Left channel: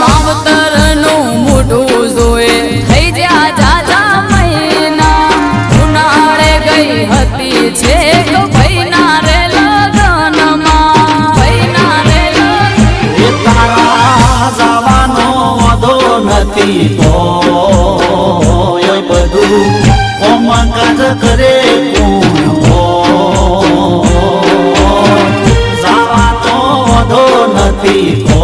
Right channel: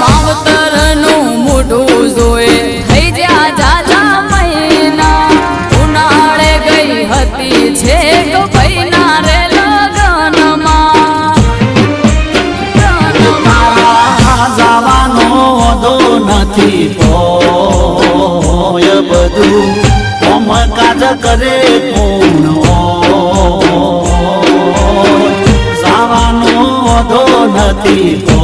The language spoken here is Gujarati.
માવતરનું મોઢું જોએ થઈ જ્યાં જાજા મહિના ઉનાળે ગઈ હતી છેક ભાઈના રે લગ્નમાં તારા જવાનો વધો નથી તોય બધું કાજ કરે જવાનો વધો નથી તો